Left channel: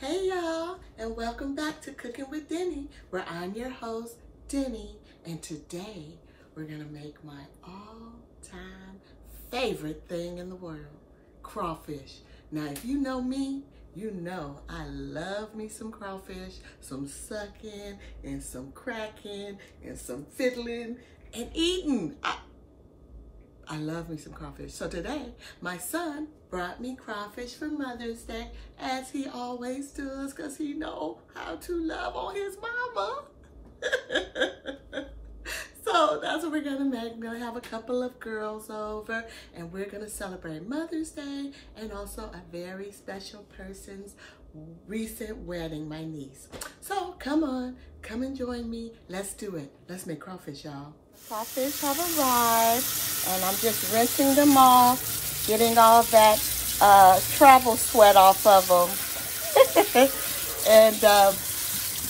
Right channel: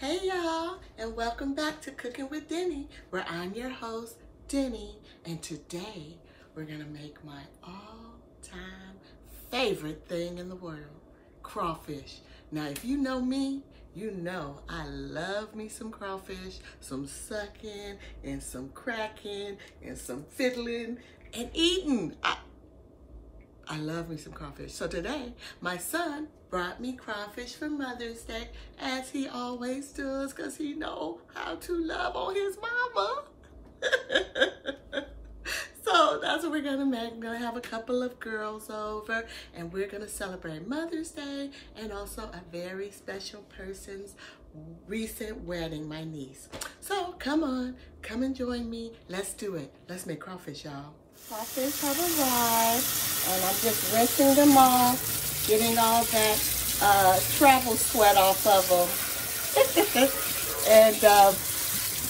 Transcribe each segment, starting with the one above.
Hey y'all, and welcome back to Cooking with Denny, where I'm your host, Denny, and today we're gonna make my all-time favorite thing in the world, crawfish. Now, if you know me, you know I love me some crawfish, some sucking, and some cracking, and some fiddling, and eating. I love me some crawfish. So today, my son brought me crawfish for Mother's Day, as he always does, because he knows how to love on his mama. So that's what we're gonna make. We're gonna have a couple of girls over, and we're gonna celebrate Mother's Day, and also a very special person's recent wedding, my niece. So come on, come and join me. Let's do it. Let's make crawfish, y'all. Crawfish have arrived, and I'm just rinsing them off, getting all that travel sweat off of them, and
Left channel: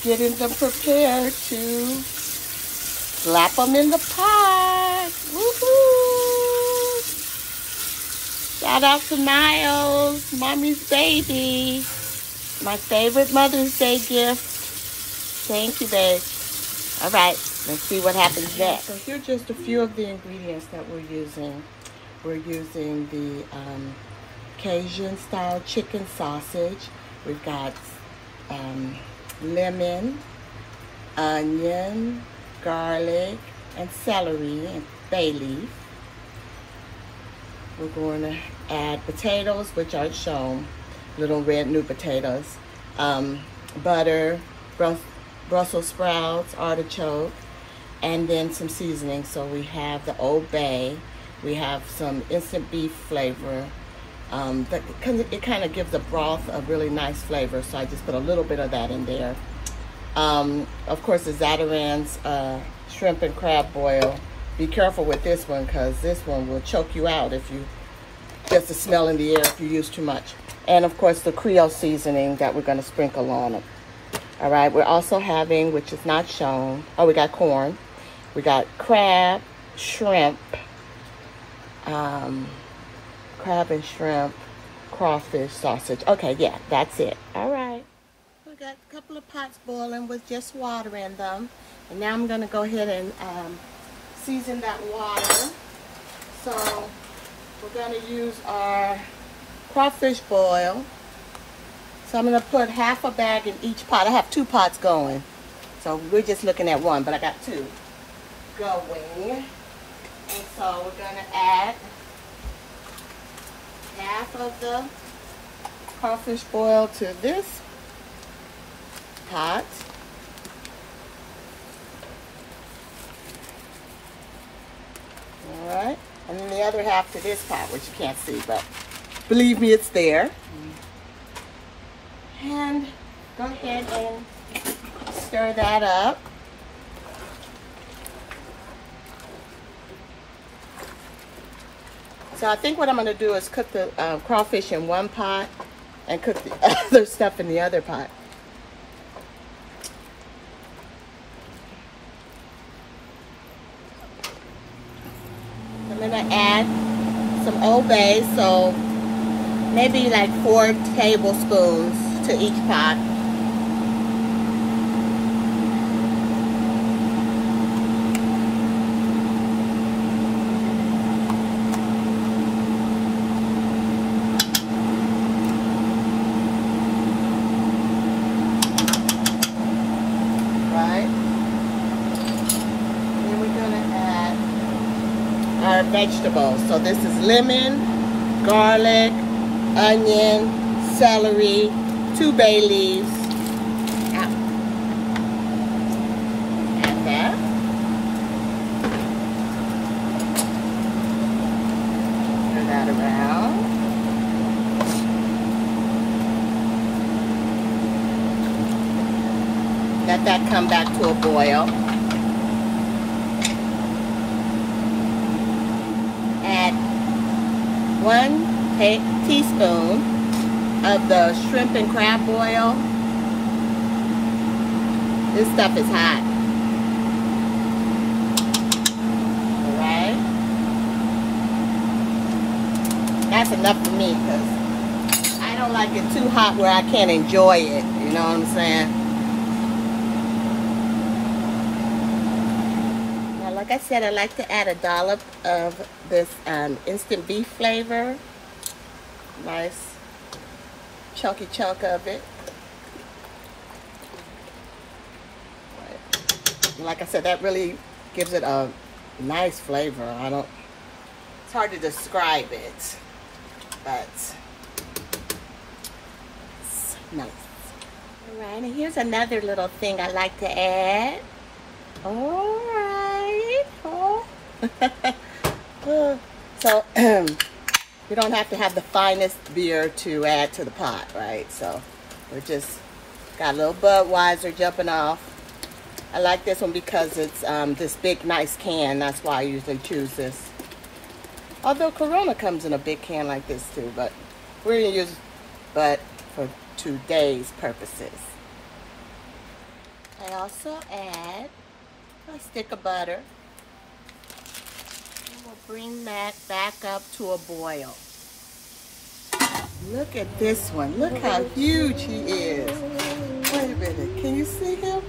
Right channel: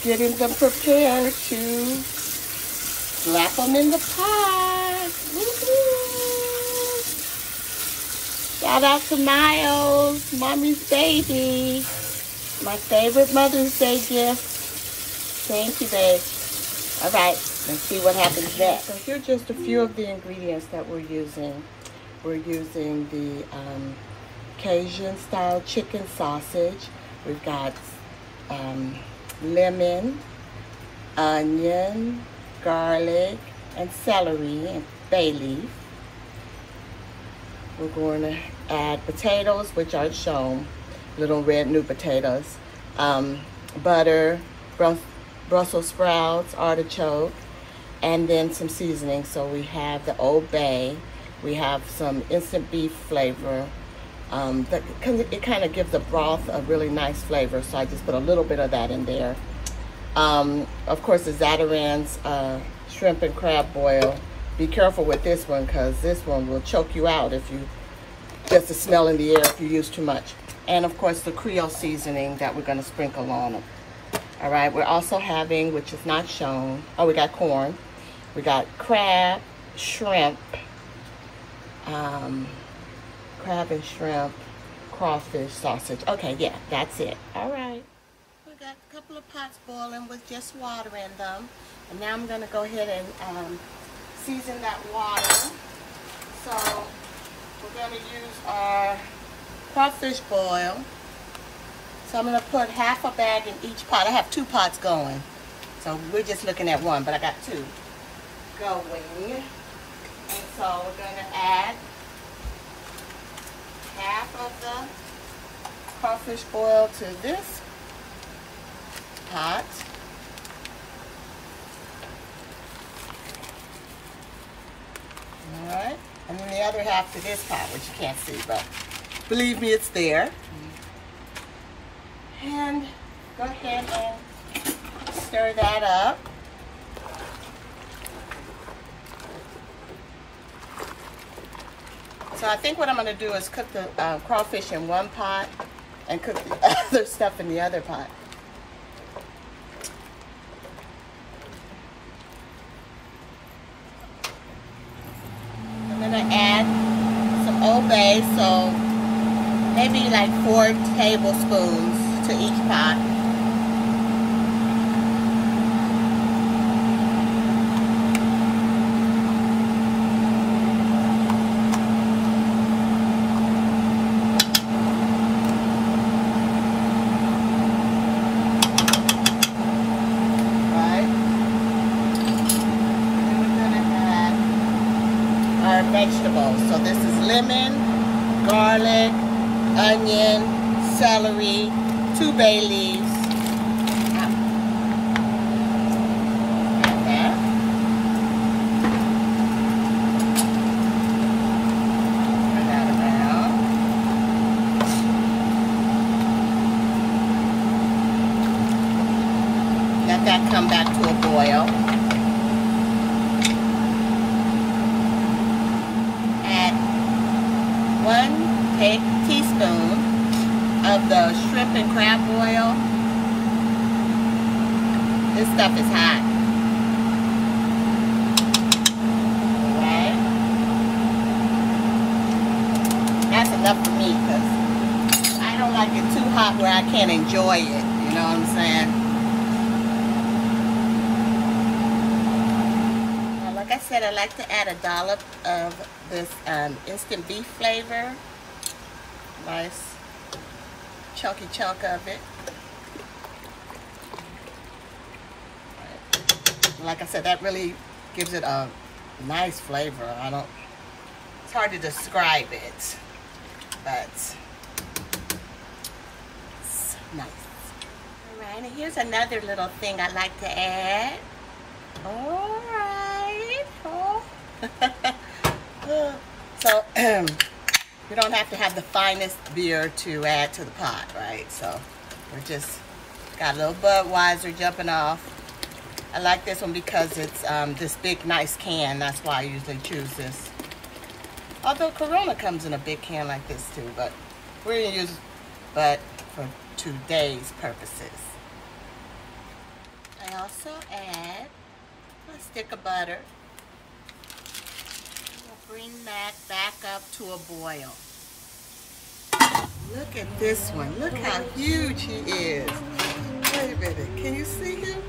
getting them prepared to slap them in the pot. Woohoo! Shout out to Miles, Mommy's baby. My favorite Mother's Day gift. Thank you, babe. All right. Let's see what happens next. So here are just a few of the ingredients that we're using. We're using the Cajun style chicken sausage. We've got lemon, onion, garlic, and celery, and bay leaf. We're going to add potatoes, which aren't shown, little red new potatoes, butter, Brussels sprouts, artichoke, and then some seasoning. So we have the Old Bay, we have some instant beef flavor. It kind of gives the broth a really nice flavor, so I just put a little bit of that in there. Of course, the Zatarain's shrimp and crab boil. Be careful with this one, because this one will choke you out if you get the smell in the air if you use too much. And of course, the Creole seasoning that we're going to sprinkle on it. All right, we're also having, which is not shown, we got corn. We got crab, shrimp, crab and shrimp, crawfish, sausage. Okay, yeah, that's it. All right. We got a couple of pots boiling with just water in them. And now I'm going to go ahead and season that water. So we're going to use our crawfish boil. So I'm going to put half a bag in each pot. I have 2 pots going. So we're just looking at one, but I got 2 going. And so we're going to add half of the crawfish boil to this pot. All right. And then the other half to this pot, which you can't see, but believe me, it's there. And go ahead and stir that up. So I think what I'm going to do is cook the crawfish in one pot and cook the other stuff in the other pot. I'm going to add some Old Bay, so maybe like 4 tablespoons to each pot. Vegetables. So this is lemon, garlic, onion, celery, 2 bay leaves. Add that. Turn that around. Let that come back to a boil. Teaspoon of the shrimp and crab boil. This stuff is hot. Alright. That's enough for me, because I don't like it too hot where I can't and enjoy it. You know what I'm saying? Now, like I said, I like to add a dollop of this instant beef flavor. Nice chunky chunk of it. Like I said, that really gives it a nice flavor. It's hard to describe it, but it's nice. All right, and here's another little thing I like to add. All right. Oh. So, we don't have to have the finest beer to add to the pot, right? So, we're just got a little Budweiser jumping off. I like this one because it's this big, nice can. That's why I usually choose this. Although Corona comes in a big can like this too, but we're gonna use but for today's purposes. I also add a stick of butter. We'll bring that back up to a boil. Look at this one. Look how huge he is. Wait a minute. Can you see him?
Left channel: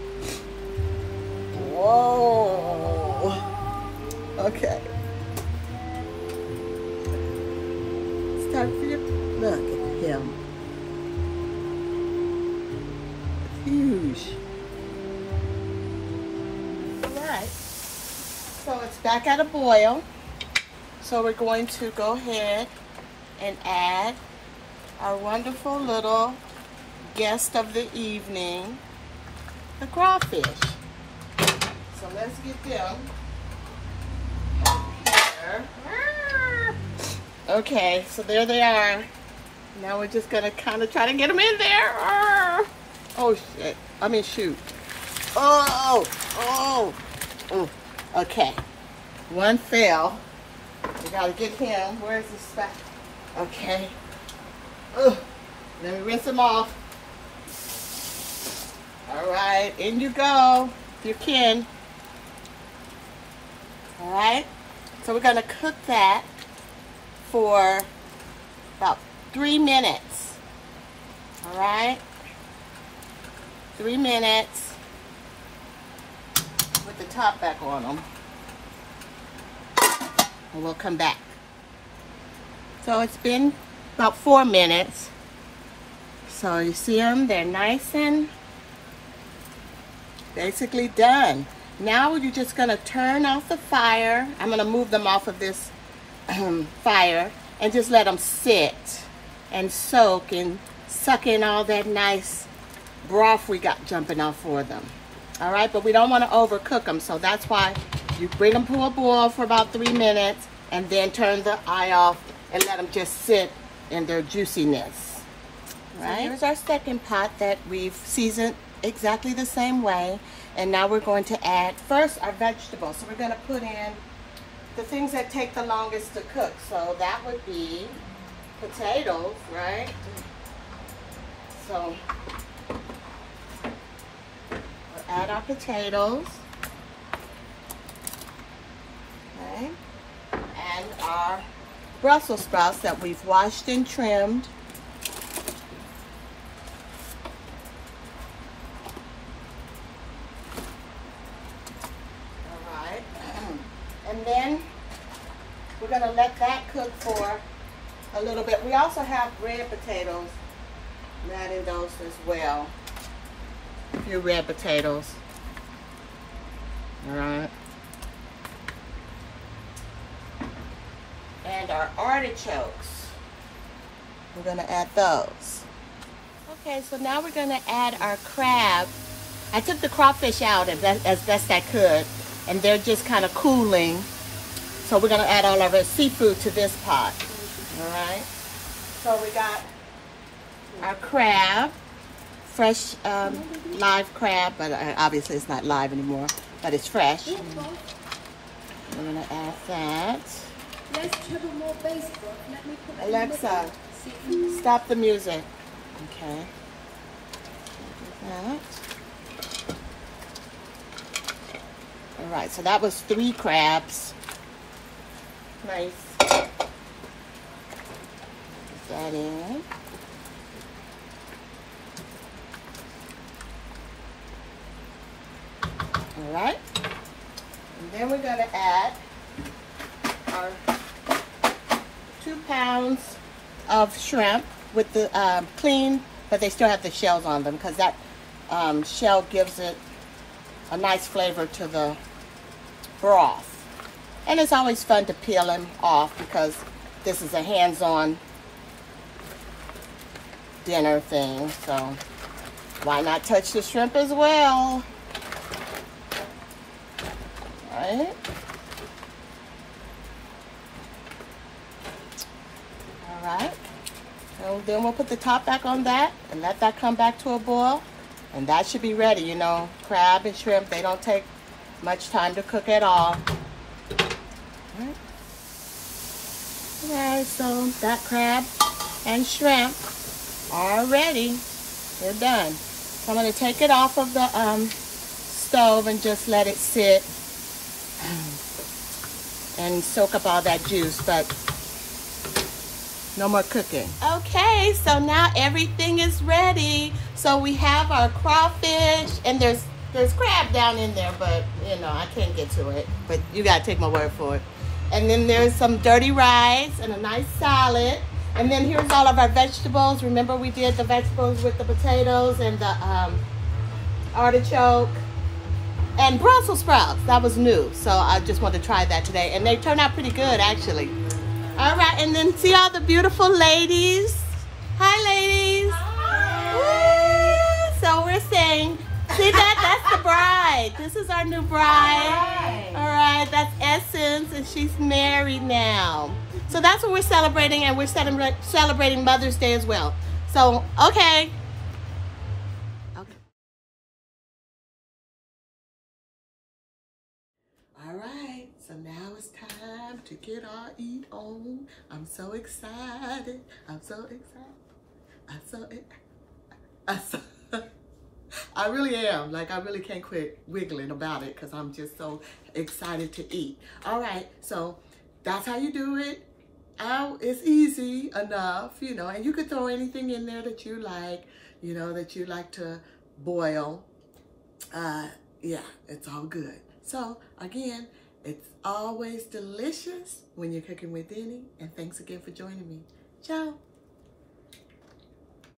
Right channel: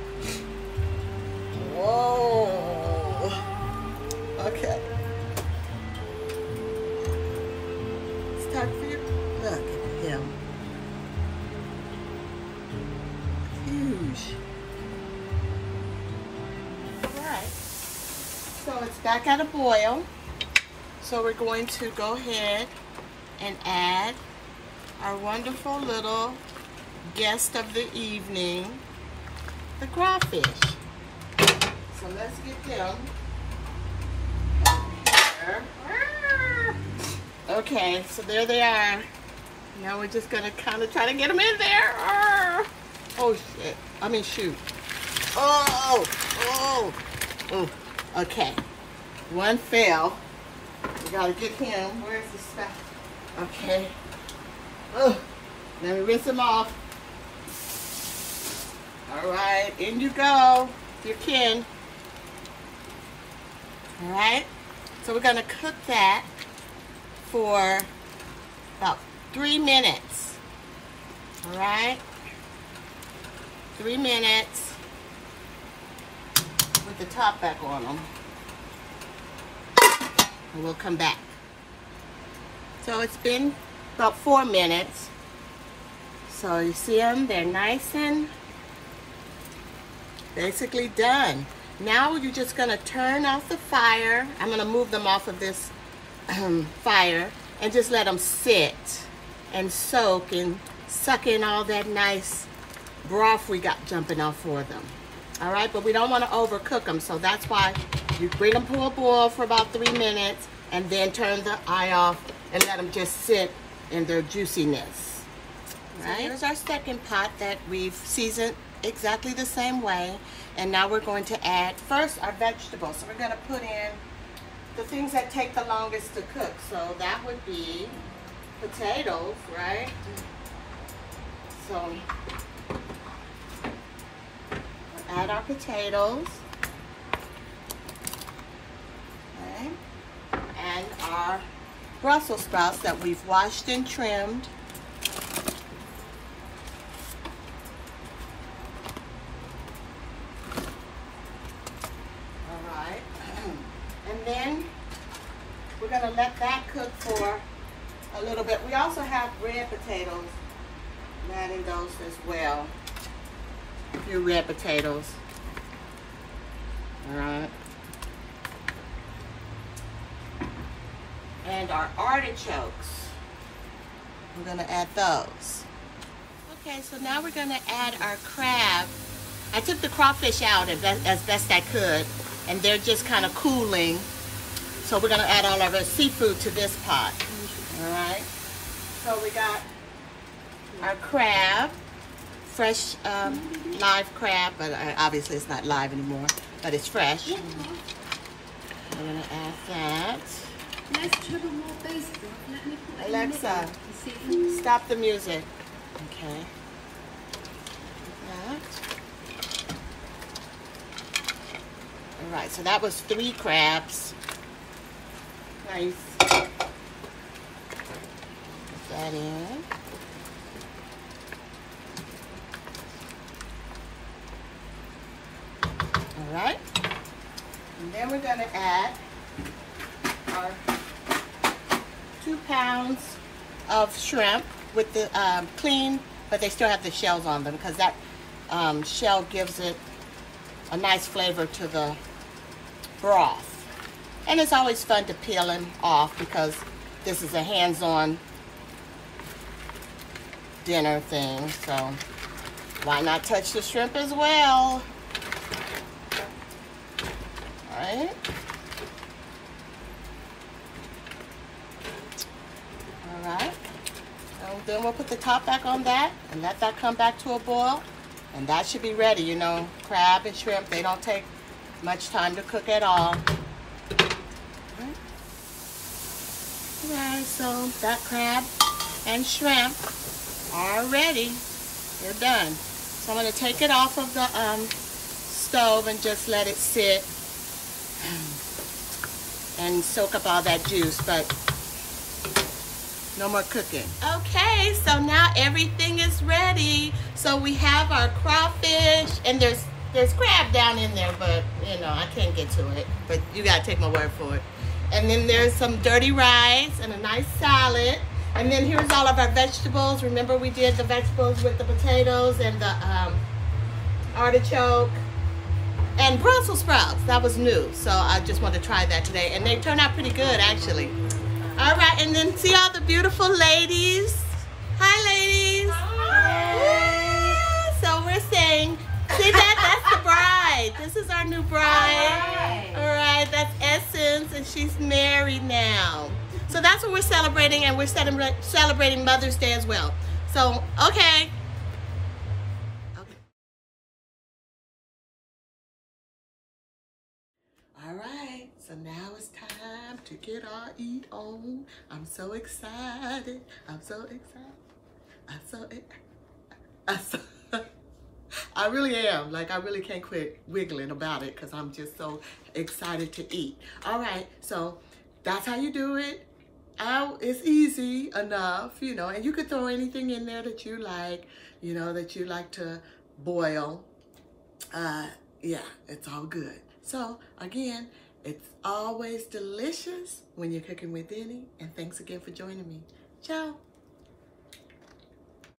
Whoa. Okay. Start for you. Look at him. Huge. Alright. So it's back at a boil. So we're going to go ahead and add our wonderful little guest of the evening, the crawfish. So let's get them. Okay, so there they are. Now we're just gonna kind of try to get them in there. Oh shit! Shoot. Oh. Okay. One fell. We gotta get him. Where's his stuff? Okay. Let me rinse him off. All right, in you go, if you can. All right, so we're gonna cook that for about 3 minutes. All right, 3 minutes. Put the top back on them, and we'll come back. So it's been about 4 minutes. So you see them, they're nice and basically done. Now you're just gonna turn off the fire. I'm gonna move them off of this fire and just let them sit and soak and suck in all that nice broth we got jumping off for them. All right, but we don't want to overcook them, so that's why you bring them to a boil for about 3 minutes and then turn the eye off and let them just sit in their juiciness. Right? So here's our second pot that we've seasoned exactly the same way. And now we're going to add first our vegetables. So we're going to put in the things that take the longest to cook. So that would be potatoes, right? So we'll add our potatoes. Okay. And our Brussels sprouts that we've washed and trimmed. Then we're going to let that cook for a little bit. We also have red potatoes. I'm adding those as well. A few red potatoes. All right. And our artichokes. We're going to add those. Okay, so now we're going to add our crab. I took the crawfish out as best I could, and they're just kind of cooling. So we're going to add all of our seafood to this pot. All right. So we got our crab, fresh live crab, but obviously it's not live anymore, but it's fresh. We're going to add that. Let's have a more basic one. Let me put Alexa, stop the music. Okay. That. All right, so that was 3 crabs. Nice. Put that in. right? And then we're gonna add our 2 pounds of shrimp with the clean, but they still have the shells on them because that shell gives it a nice flavor to the broth. And it's always fun to peel them off because this is a hands-on dinner thing, so why not touch the shrimp as well? Right? All right. So then we'll put the top back on that and let that come back to a boil. And that should be ready. You know, crab and shrimp, they don't take much time to cook at all. Alright, so that crab and shrimp are ready. We're done. So I'm going to take it off of the stove and just let it sit and soak up all that juice, but no more cooking. Okay, so now everything is ready. So we have our crawfish, and there's crab down in there, but you know, I can't get to it, but you gotta take my word for it. And then there's some dirty rice and a nice salad. And then here's all of our vegetables. Remember we did the vegetables with the potatoes and the artichoke and Brussels sprouts. That was new, so I just wanted to try that today. And they turned out pretty good, actually. All right, and then see all the beautiful ladies. Hi, ladies. Hi. So we're saying, see that? That's the bride. This is our new bride. All right, that's Essence, and she's married now. So that's what we're celebrating, and we're celebrating Mother's Day as well. So, okay. All right, so now it's time to get our eat on. I'm so excited. I'm so excited. I really am. Like, I really can't quit wiggling about it because I'm just so excited to eat. All right, so that's how you do it. It's easy enough, you know, and you could throw anything in there that you like, you know, that you like to boil. Yeah, it's all good. So again, it's always delicious when you're cooking with Denny, and thanks again for joining me. Ciao.